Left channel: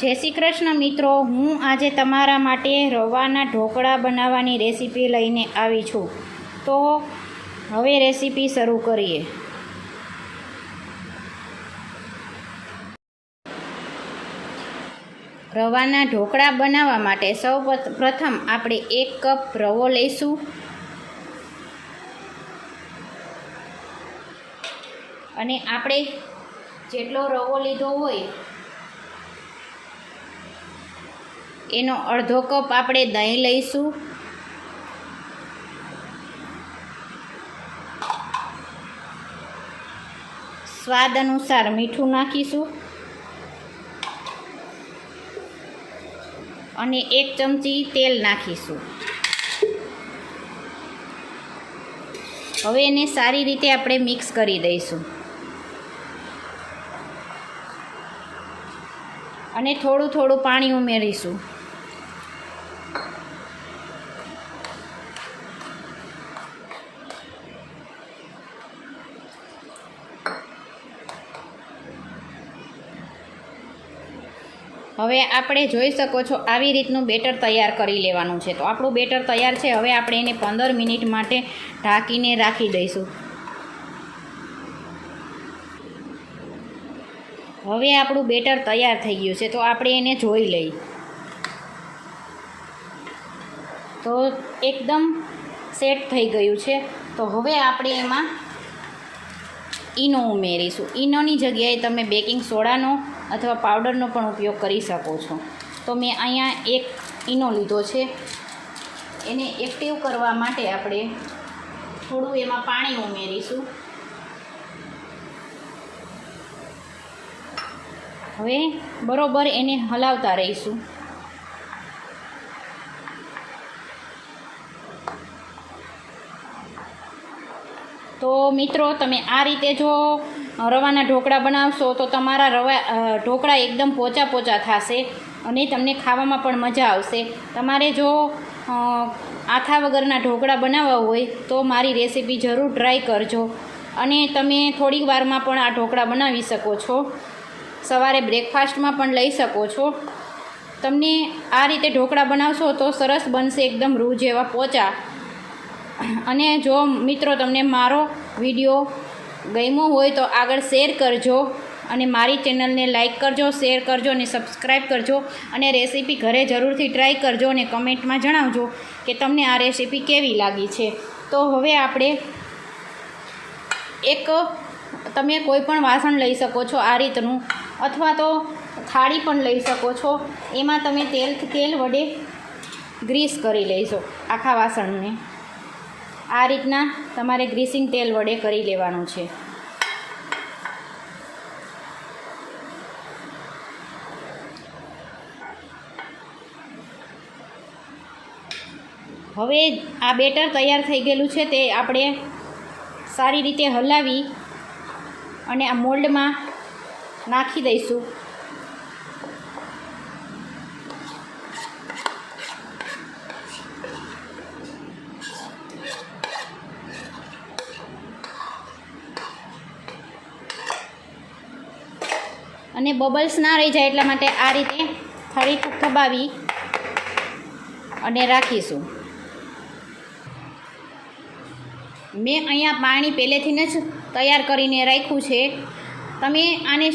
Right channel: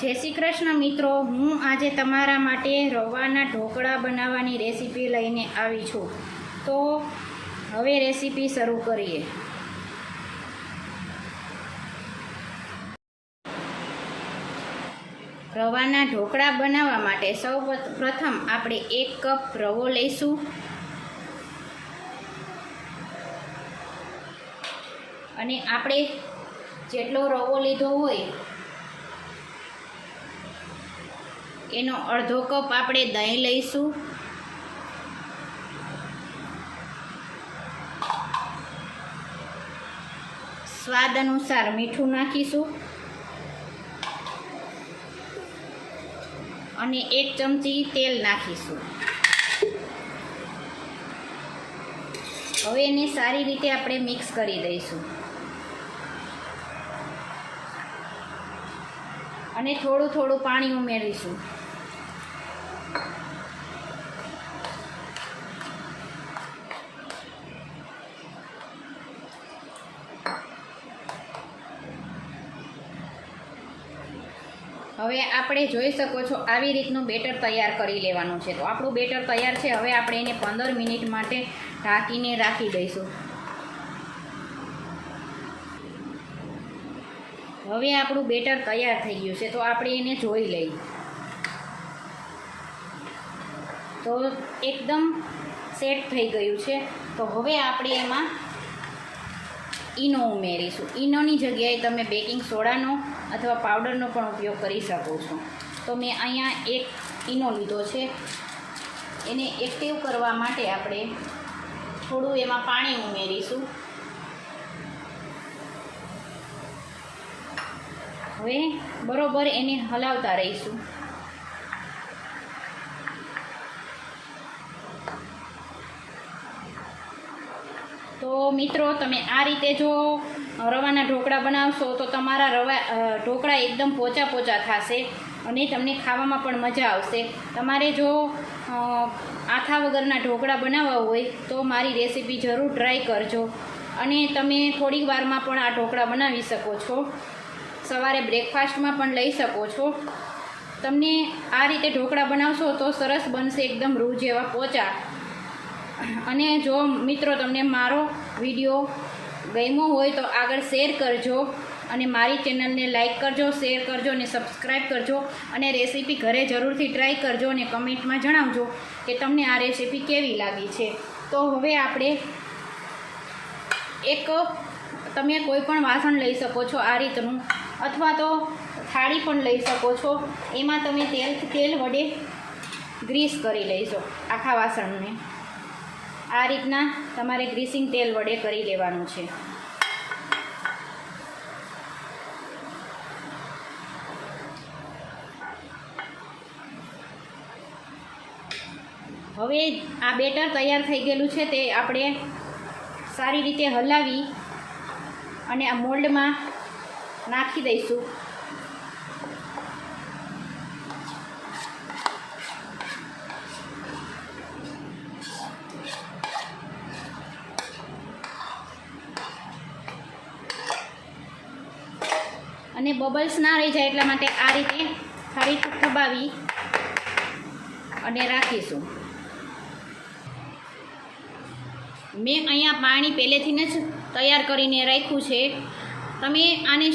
જય શ્રી કૃષ્ણ મિત્રો, હું આજે તમારા માટે રવાના ઢોકળા બનાવવાની રેસીપી લઈને આવી છું। તો હવે રેસીપી શરૂ કરીએ। રવાના ઢોકળા બનાવવા માટે સૌ પ્રથમ આપણે 1 કપ રવો લઈશું અને આપણે જેટલો રવો લીધો હોય એનો અડધો કપ આપણે દહીં લઈશું, સ્વાદ અનુસાર મીઠું નાખીશું અને 1 ચમચી તેલ નાખીશું। હવે એને સારી રીતે આપણે મિક્સ કરી દઈશું અને થોડું થોડું પાણી ઉમેરીશું। હવે આપણે જોઈ શકો છો આવી રીતનું બેટર તૈયાર કરી લેવાનું છે। તો આપણું બેટર તૈયાર છે। હવે આપણે એને 15 મિનિટ માટે ઢાંકીને રાખી દઈશું। હવે આપણું બેટર તૈયાર થઈ ગયું છે, તો આપણે એને જોઈ લઈએ। તો એકદમ સેટ થઈ ગયું છે। તો હવે આપણે એમાં ઈનો ઉમેરીશું। ઈનોની જગ્યાએ તમે બેકિંગ સોડાનો અથવા પાવડરનો પણ ઉપયોગ કરી શકો છો। તો મેં અહીંયા 1 ઈનો લીધો છે। એને એક્ટિવ કરવા માટે આપણે થોડું એમાં પાણી ઉમેરીશું। હવે બરોબર એને હલાવતા રહીશું। તો મિત્રો, તમે આ રીતે જો રવાના ઢોકળા બનાવશો તો તમારા ઢોકળા એકદમ પોચા થશે અને તમને ખાવામાં પણ મજા આવશે। તમારે જો આથા વગરના ઢોકળા બનાવવા હોય તો મારી રેસીપી જરૂર ટ્રાય કરજો અને તમે થોડીક વારમાં પણ આ ઢોકળા બનાવી શકો છો। સવારે બ્રેકફાસ્ટમાં પણ લઈ શકો છો। તમને આ રીતે ઢોકળા બનાવશો તો સરસ બનશે, એકદમ રૂ જેવા પોચા। અને જો મિત્રો તમને મારો વિડીયો ગમ્યો હોય તો આગળ શેર કરજો અને મારી ચેનલને લાઈક કરજો, શેર કરજો અને સબસ્ક્રાઈબ કરજો અને રેસીપી ઘરે જરૂરથી ટ્રાય કરજો અને કમેન્ટમાં જણાવજો કે તમને આ રેસીપી કેવી લાગી છે। તો હવે આપણે તમે કોઈ પણ વાસણ લઈ શકો છો આ રીતનું, અથવા તો થાળી પણ લઈ શકો છો। એમાં તમે તેલ વડે ગ્રીસ કરી લેશો આખા વાસણને। આ રીતના તમારે ગ્રીસિંગ તેલ વડે કરી લેવાનું છે। હવે આ બેટર તૈયાર થઈ ગયેલું છે, તે આપણે સારી રીતે હલાવી અને આ મોલ્ડમાં નાખી દઈશું। અને બબલ્સ ના રહી જાય એટલા માટે આ રીતે ફરી દબાવી અને રાખીશું। મેં અહીંયા પાણી પહેલેથી જ તૈયાર કરીને રાખ્યું છે। તમે આને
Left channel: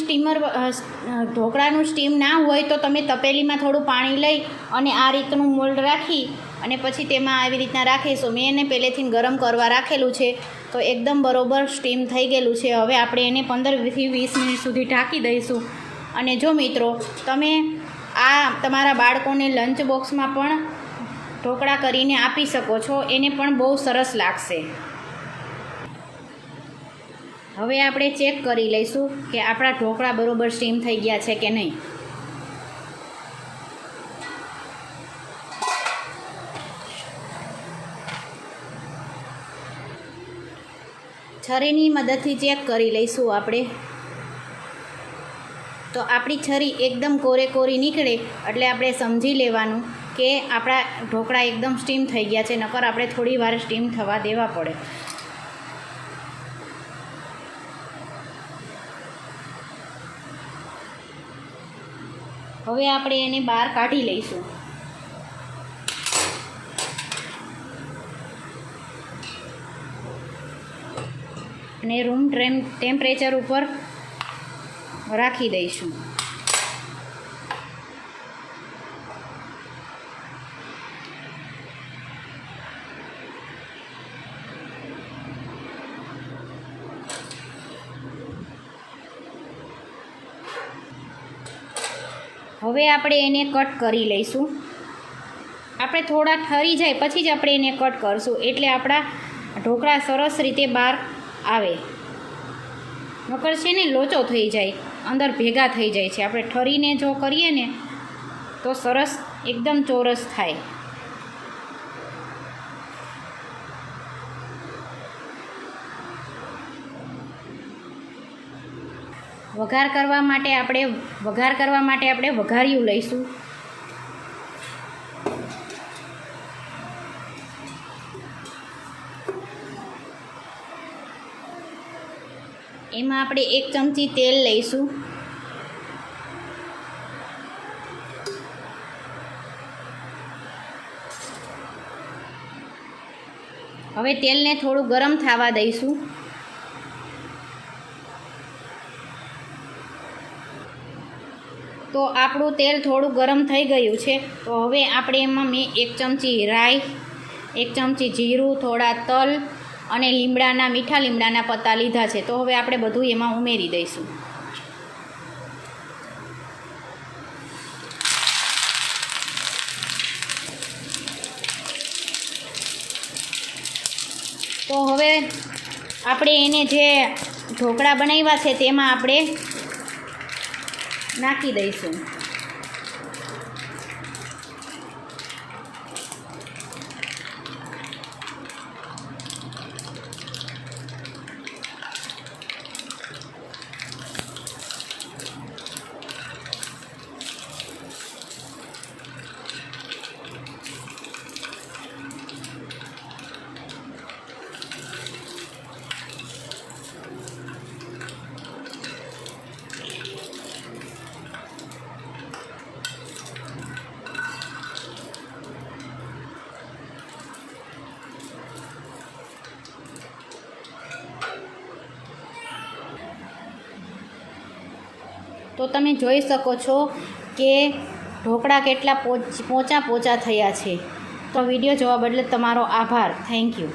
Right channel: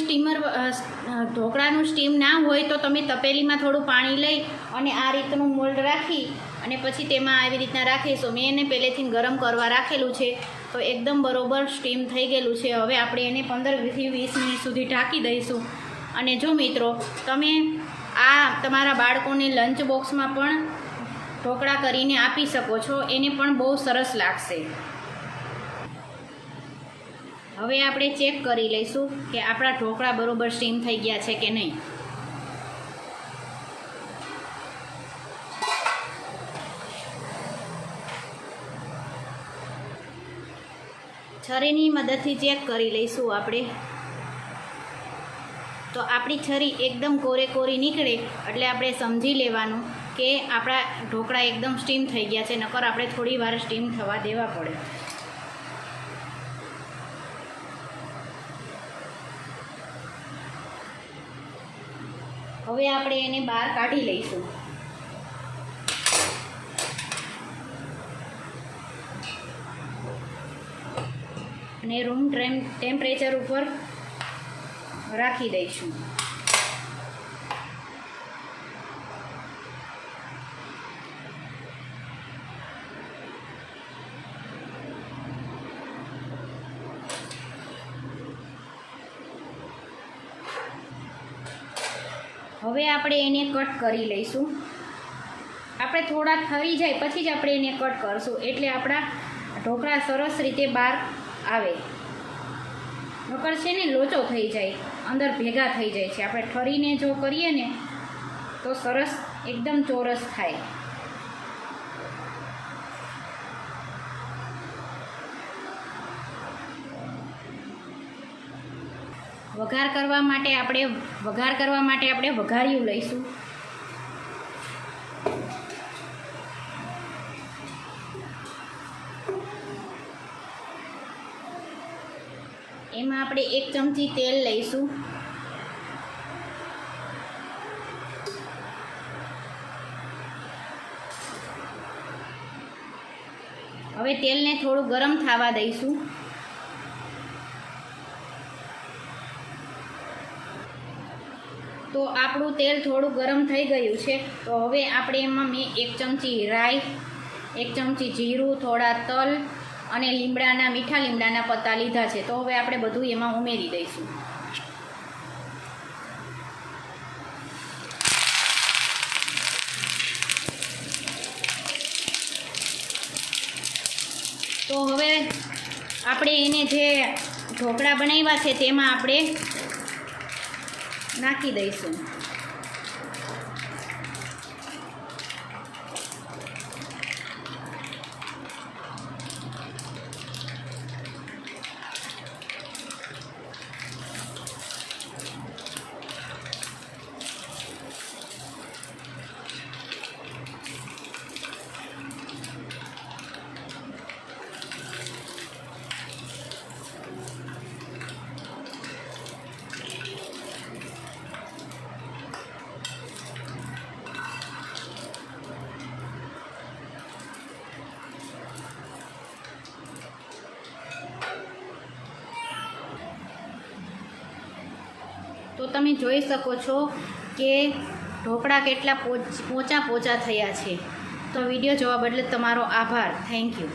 ઢોકળાનું સ્ટીમ ના હોય તો તમે તપેલીમાં થોડું પાણી લઈ અને આ રીતનું મોલ્ડ રાખી અને પછી તેમાં આવી રીતના રાખીશું। મેં એને પહેલેથી ગરમ કરવા રાખેલું છે, તો એકદમ બરોબર સ્ટીમ થઈ ગયેલું છે। હવે આપણે એને 15થી 20 મિનિટ સુધી ઢાંકી દઈશું। અને જો મિત્રો, તમે આ તમારા બાળકોને લંચ બોક્સમાં પણ ઢોકળા કરીને આપી શકો છો, એને પણ બહુ સરસ લાગશે। હવે આપણે ચેક કરી લઈશું કે આપણા ઢોકળા બરોબર સ્ટીમ થઈ ગયા છે કે નહીં। છરીની મદદથી ચેક કરી લઈશું આપણે। તો આપણી છરી એકદમ કોરી નીકળે એટલે આપણે સમજી લેવાનું કે આપણા ઢોકળા એકદમ સ્ટીમ થઈ ગયા છે, નકર આપણે થોડી વાર સ્ટીમ થવા દેવા પડે। હવે આપણે એને બહાર કાઢી લઈશું. અને રૂમ ટેમ્પરેચર ઉપર રાખી દઈશું. હવે આપણે એને કટ કરી લઈશું. આપણે થોડા ઠરી જાય પછી જ આપણે એને કટ કરશું, એટલે આપણા ઢોકળા સરસ રીતે બહાર આવે. નકર છે ને લોચો થઈ જાય, અંદર ભેગા થઈ જાય છે. આપણે ઠરીને જો કરીએ ને તો સરસ એકદમ ચોરસ થાય. વઘાર કરવા માટે આપણે વઘારિયું લઈશું. એમાં આપણે 1 ચમચી તેલ લઈશું. હવે તેલને થોડું ગરમ થવા દઈશું. તો આપણું તેલ થોડું ગરમ થઈ ગયું છે. તો હવે આપણે એમાં મેં 1 ચમચી રાઈ, 1 ચમચી જીરું, થોડા તલ અને મીઠા લીમડાના પત્તા લીધા છે. તો હવે આપણે બધું એમાં ઉમેરી દઈશું. તો હવે આપણે એને જે ઢોકળા બનાવ્યા છે તેમાં આપણે નાખી દઈશું. તો તમે જોઈ શકો છો કે ઢોકળા કેટલા પોચા થયા છે. તો વિડીયો જોવા બદલે તમારો આભાર. Thank you.